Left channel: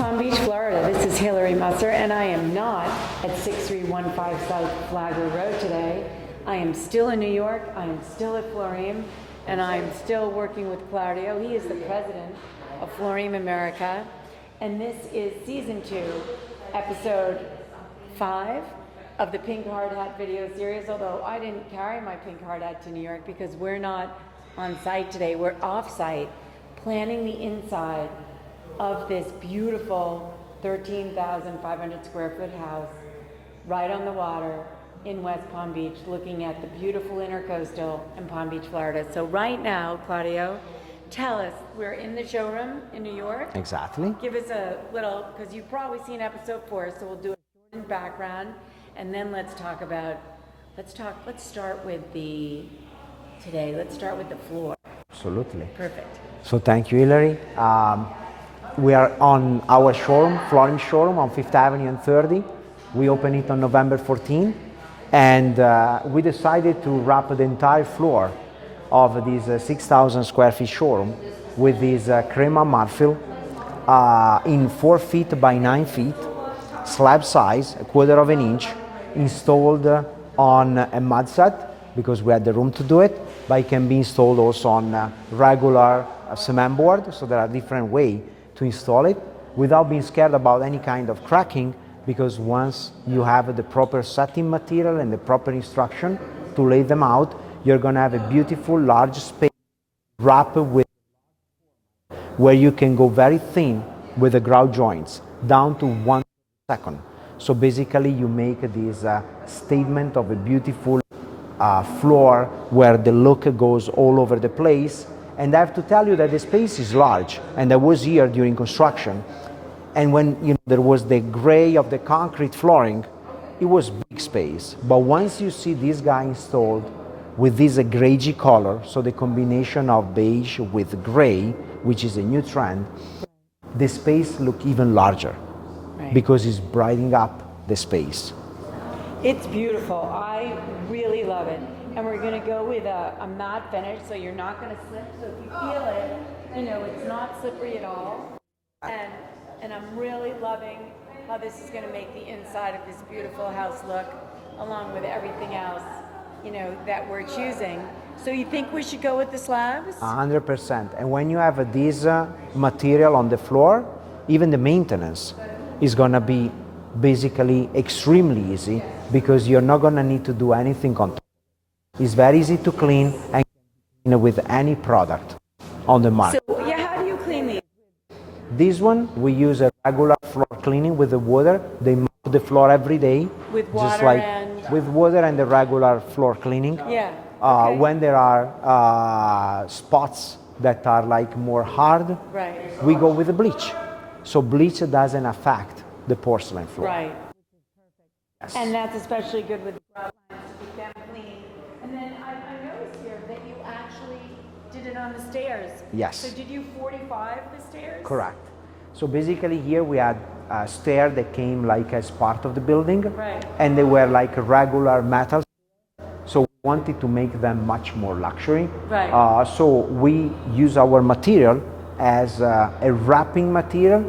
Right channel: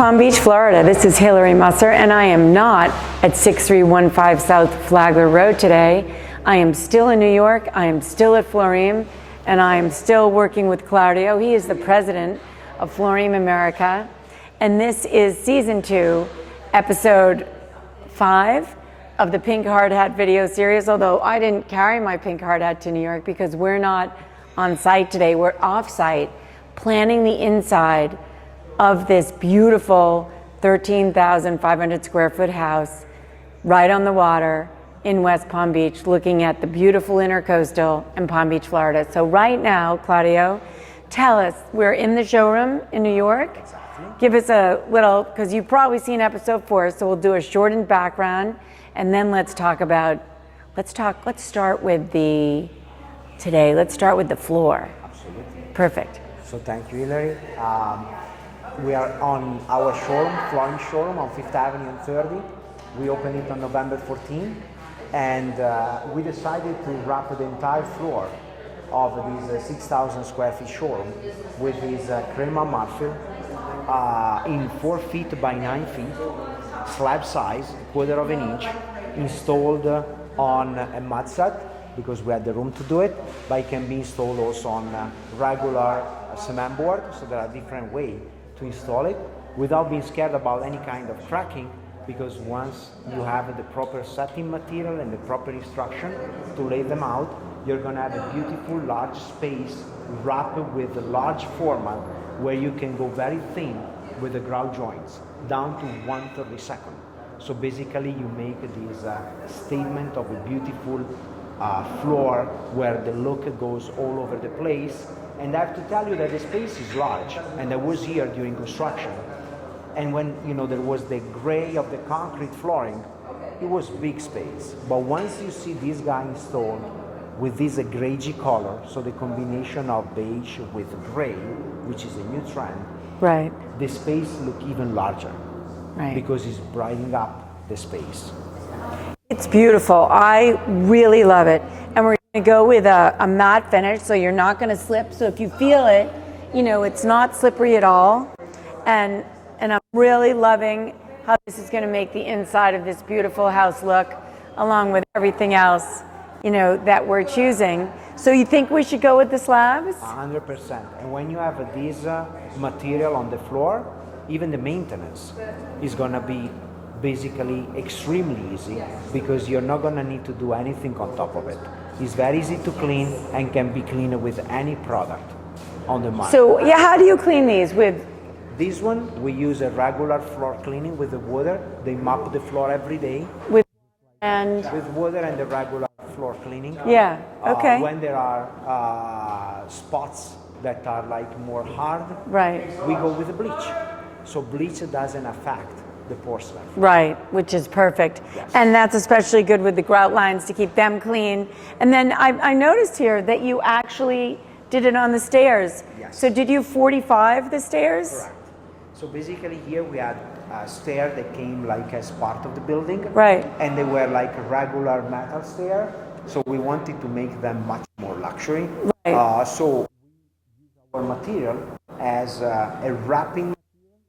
Palm Beach, Florida. This is Hillary Musser, and I am not at 6315 South Flagler Road today. I am still in New York. I am still at Florim, and I am still working with Claudio. He is the president of Florim America, and this is season 2, episode 5 of the Pink Hard Hat video series, although I didn't carry my pink hard hat to New York because we're not on site today. We're off site planning the inside of this beautiful 13,500 square foot house right on the water in West Palm Beach, looking at the beautiful Intercoastal in Palm Beach, Florida. So right now, Claudio, tell us, we're in the showroom in New York. Exactly. Give us a little, because you've probably seen episode 4, so we'll do a shortened background, and then let's start with let's start with the floor. Absolutely. Perfect. So thank you, Hillary. We are on our showroom, Florim showroom on 5th Avenue and 30. We opened it on November 14, and we decided to wrap the entire floor of this 6,000 square feet showroom with this crema marfil in 4 feet by 9 feet, slab size, 1/4 of an inch, installed on a mud set because we had the room to do it, but it can be installed also on regular cement board, so there are different ways to install it without being scared about any kind of cracking, because once you have the proper setting material and the proper instruction to lay them out, you're going to have a beautiful large space wrapped with a large format where you can go very thin with the grout joints down to 1/32. So basically you make this statement of a beautiful floor where the look goes all over the place. And I have to tell you that the space is large, and I was here during construction, and when there was the gray of the concrete flooring, it was big space. But once you see this guy installed with this grayy color, so the combination of beige with gray, which is a new trend, Right. the space look even larger, Right. because it's brightening up the space. It's beautiful. I really love it. And we're going to go with a matte finish, so you're not going to slip. So if you feel it, it's not slippery at all. And I'm really loving how this is going to make the inside of this beautiful house look, along with everything else, that we're choosing. So you think we should go with the slabs? 100%. And when you have this material on the floor, even the maintenance is going to be basically extremely easy, because you're not going to need to do anything on top of it. It's very easy to clean and can be cleaned with any product on the market. So yeah, how do you clean these? With this one, we use a regular floor cleaning with the water. They mop the floor every day. With water just like and... with water and the regular floor cleaning. Yeah, okay. When there are spots that are like more hard, Right. we go with the bleach. So bleach doesn't affect the porcelain floor. Right, which is perfect. Yes. And that's especially good with the grout lines to keep them clean. And then I noticed here that you actually did it on the stairs. Yes. So did you 45 the stairs? Correct. So basically here we had a stair that came like as part of the building. Right. And they were like a regular metal stair. So we wanted to make them much more luxury. Right. So we use our material as a wrapping material.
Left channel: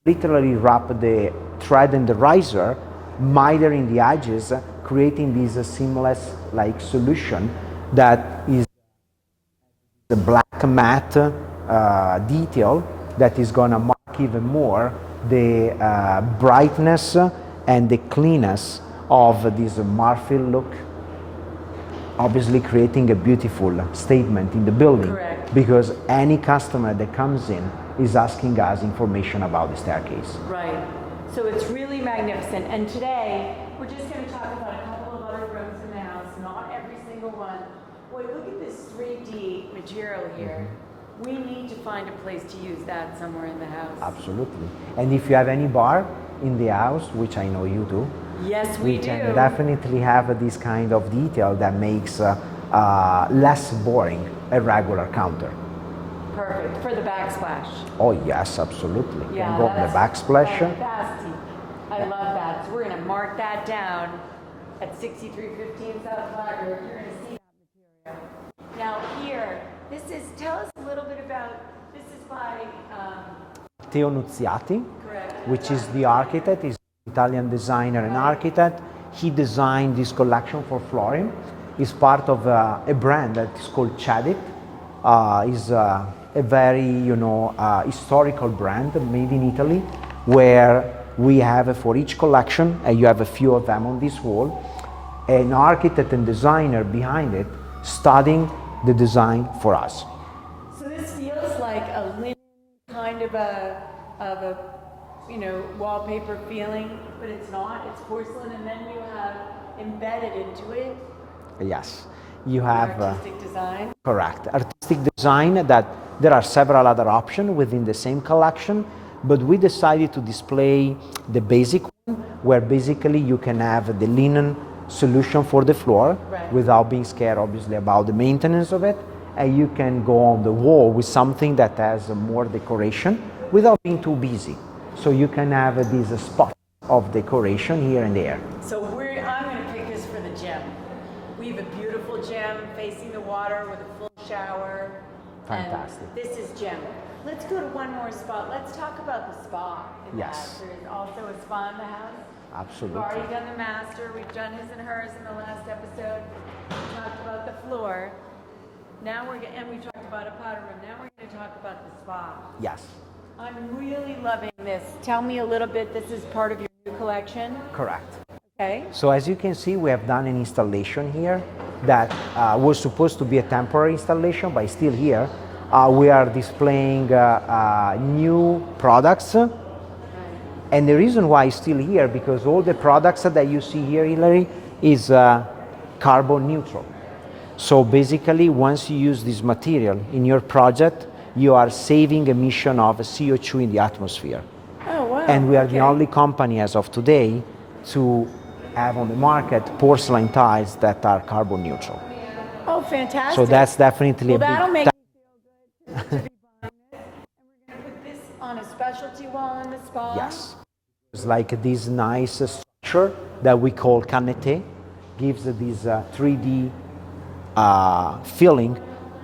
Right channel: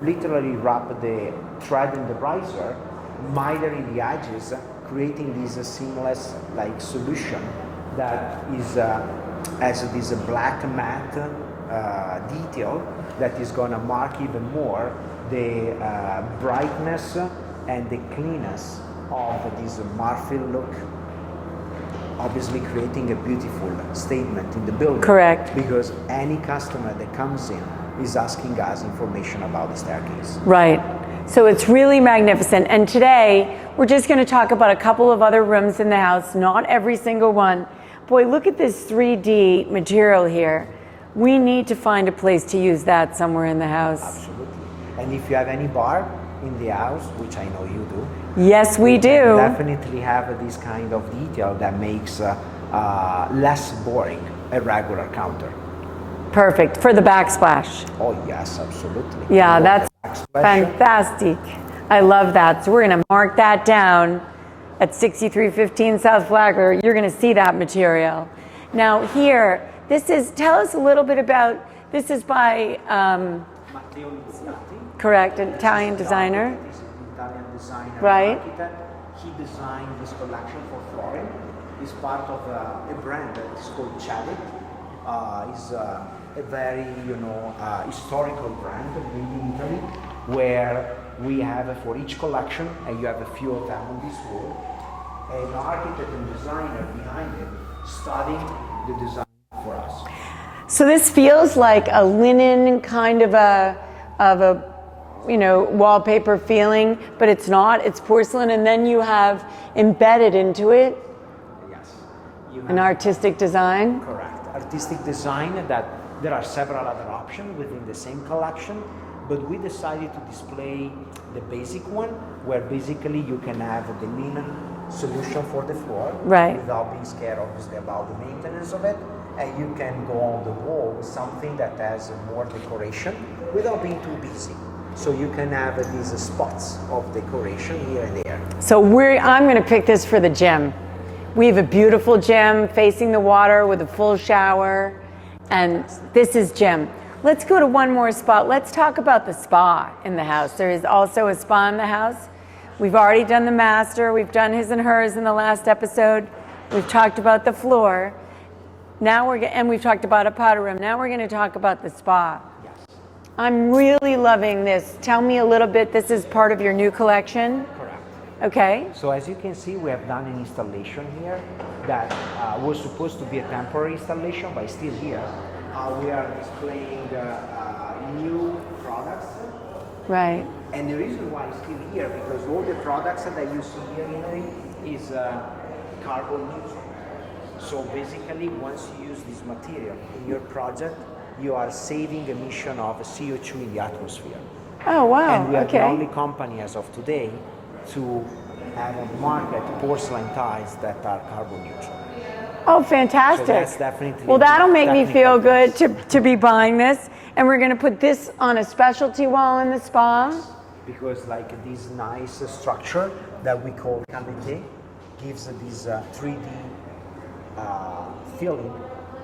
Literally wrap the thread and the riser, mitering the edges, creating this seamless like solution that is has this black matte detail that is going to mark even more the brightness and the cleanness of this marfil look, obviously creating a beautiful statement in the building. Correct. Because any customer that comes in is asking us information about the staircase. Right. So it's really magnificent. And today, we're just going to talk about a couple of other rooms in the house, not every single one. Boy, look at this 3D material here. We need to find a place to use that somewhere in the house. Absolutely. And if you have any bar in the house, which I know you do. Yes, we do. Can definitely have this kind of detail that makes less boring a regular counter. Perfect for the backsplash. Oh yes, absolutely. Yeah, that's backsplash. fantastic. I love that. So we're going to mark that down at 6315 South Flagler. You're going to see that material. Now here, tell us a little bit about, this is by Matteo Nuzziati, Correct, an which Italian is the designer. architect, is Italian designer Right. and architect. He designed this collection for Florin. He's part of a brand that is called Chadit. Is a very historical brand made in Italy, where we have for each collection, and you have a few of them on this wall, an architect and designer behind it studying the design for us. So this feels like a linen kind of a wallpaper feeling, but it's not. It's porcelain, and then you have embedded into it Yes, you have an artistic design. correct artistic design. That there are several other options within the same collection, but we decided to display the basic one, where basically you can have the linen solution for the floor, Right. without being scared, obviously, about the maintenance of it, and you can go on the wall with something that has more decoration without being too busy. So you can have these spots of decoration here and there. So I'm going to pick this for the gym. We have a beautiful gym facing the water with a full shower, and this is gym. Let's go to one more spot. Let's talk about the spa in the house. There is also a spa in the house. Absolutely. We've already done the master. We've done his and hers in the last episode. We've talked about the floor. Now and we've talked about a powder room. Now we're going to talk about the spa. Yes. I'm really loving this. Tell me a little bit. This is part of your new collection. Correct. Okay. So as you can see, we have done an installation here that was supposed to be a temporary installation, but it's still here. We are displaying new products. Right. And the reason why it's still here, because all the products that you see here, Hilary, is carbon neutral. So basically, once you use this material in your project, you are saving emission of CO2 in the atmosphere. Oh, wow. And we are okay. the only company as of today to have on the market porcelain tiles that are carbon neutral. Oh, fantastic. So that's definitely Well, a big that'll make me technical feel good to be buying this. And we're going to put this on a specialty wall in the spa. Yes, because like this nice structure that we call canete gives this 3D feeling,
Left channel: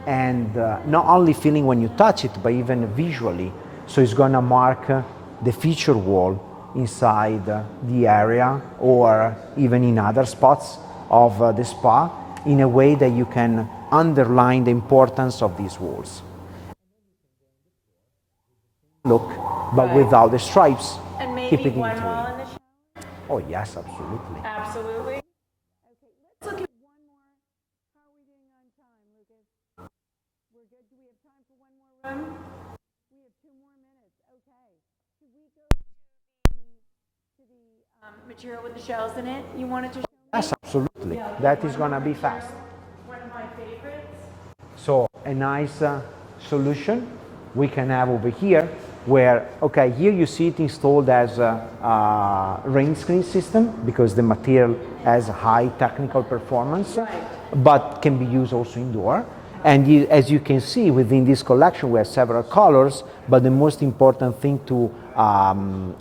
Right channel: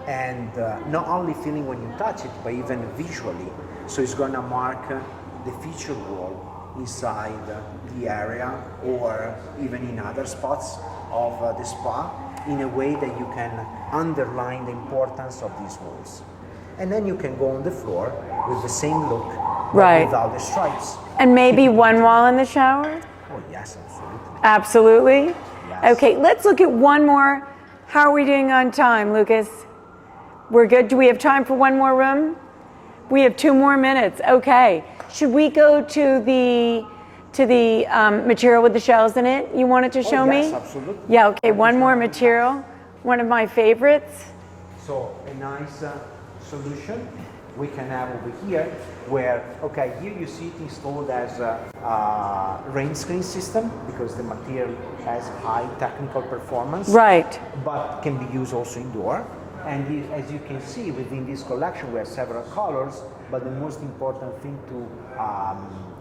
and not only feeling when you touch it, but even visually. So it's gonna mark the feature wall inside the area, or even in other spots of the spa, in a way that you can underline the importance of these walls. And then you can go on the floor with the same look, but Right. without the stripes. And maybe Keep it one in- wall in the shower? Oh yes, absolutely. Absolutely. Yes. Okay, let's look at one more. How are we doing on time, Lucas? We're good. Do we have time for one more room? We have 2 more minutes. Okay. Should we go to the material with the shells in it? You wanted to show me? Yes, absolutely. Yeah. Okay. That One is more gonna be material. fast. One of my favorites. So a nice solution we can have over here, where, okay, here you see it installed as a rain screen system, because the material has high technical performance, Right. but can be used also indoor. And as you can see, within this collection we have several colors, but the most important thing to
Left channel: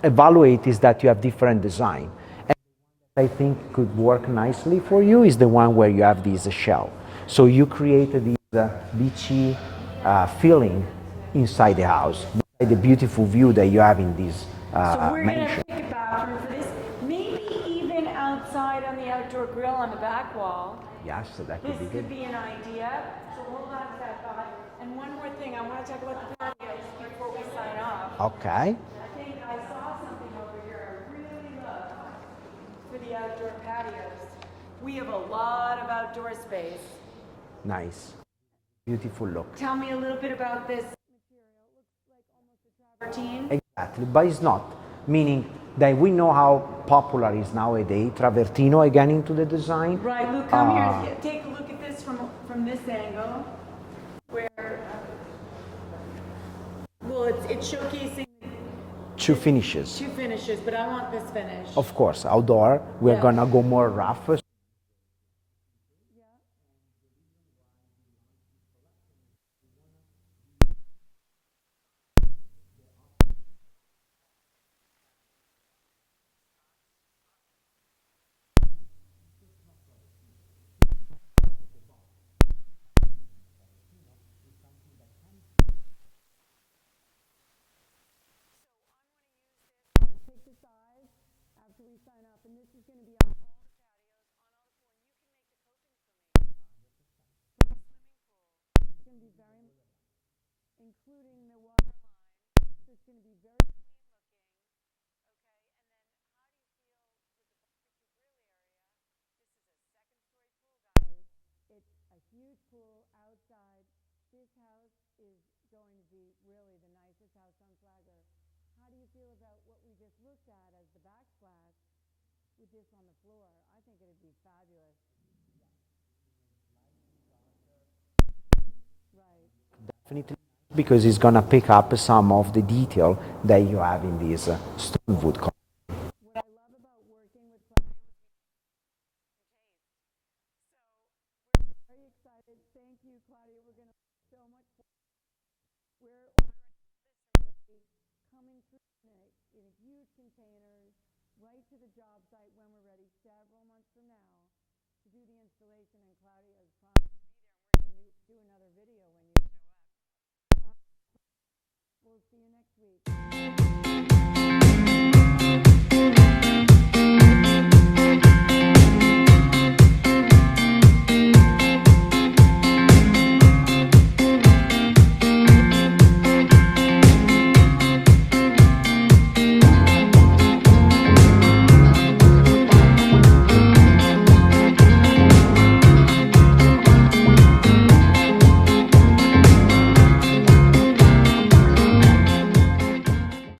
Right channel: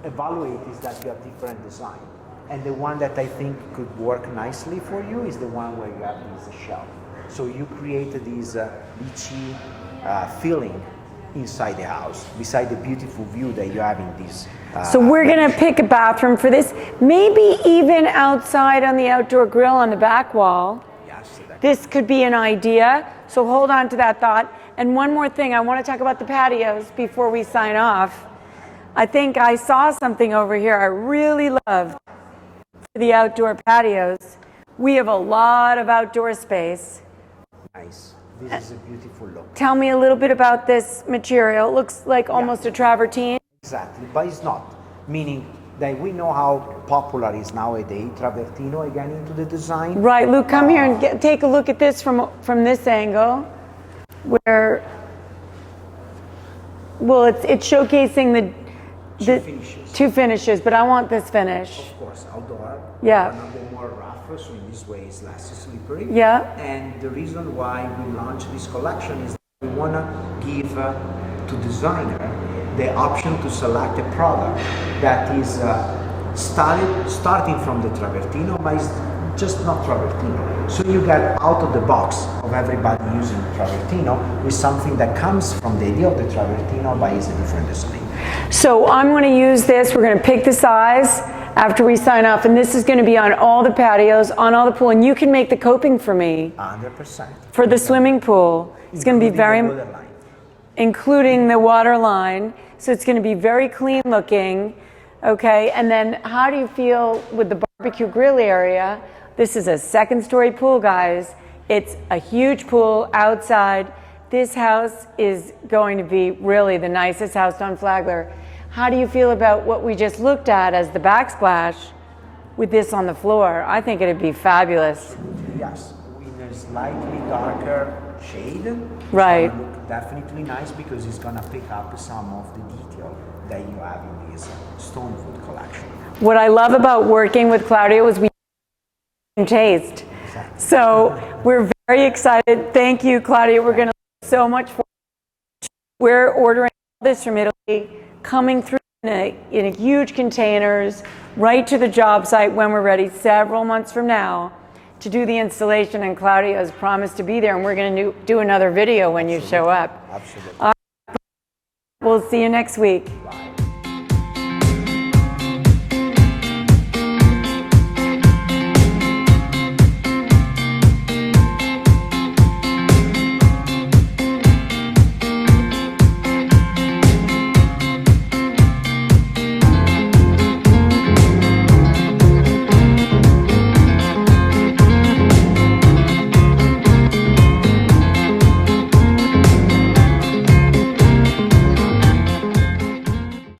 evaluate is that you have different design. And the one that I think could work nicely for you is the one where you have this shell. So you create this beachy feeling inside the house, beside the beautiful view that you have in this. So we're going to mansion. pick a bathroom for this. Maybe even outside on the outdoor grill on the back wall. Yes, that This could be an idea. So hold on to that thought. And one more thing, I want to talk about the patios before we sign off. Okay. I think I saw something over here I really love for the outdoor patios. We have a lot of outdoor space. Nice. This is a beautiful look. Tell me a little bit about this material. It looks like almost a travertine. Exactly, but it's not. Meaning that we know how popular is nowadays travertino again into the design. Right, Luke, come here and take a look at this from this angle, where, well, it's showcasing the Two finishes. Two finishes, but I want this finish. Of course, outdoor, we're Yeah. gonna go more rough, so in this way it's less slippery. Yeah. And the reason why we launched this collection is that we wanna give to designer the option to select a product that is starting from the travertino, but is just not travertino. So you get out of the box of everybody using travertino with something that comes from the idea of the travertino but is a different design. So I'm going to use this. We're going to pick the size after we sign off, and this is going to be on all the patios, on all the pool, and you can make the coping for me. 100%. For the swimming pool. It's going to be very, including the water line. So it's going to be very clean looking. Okay, and then how do you feel with the barbecue grill area? This is a second-story pool, guys. It's a huge pool outside. This house is going to be really the nicest house on Flagler. How do you feel about what we just looked at as the backsplash with this on the floor? I think it'd be fabulous. Yes, with a slightly darker shade. Right. It's gonna look definitely nice because it's gonna pick up some of the detail that you have in this stone wood collection. What I love about working with Claudio is we taste. So we're very excited. Thank you, Claudia. We're going to learn so much. We're ordering this from Italy, coming through in huge containers right to the job site when we're ready several months from now to do the installation. And Claudia has promised to be there, and we're going to do another video when you show up. Absolutely. We'll see you next week.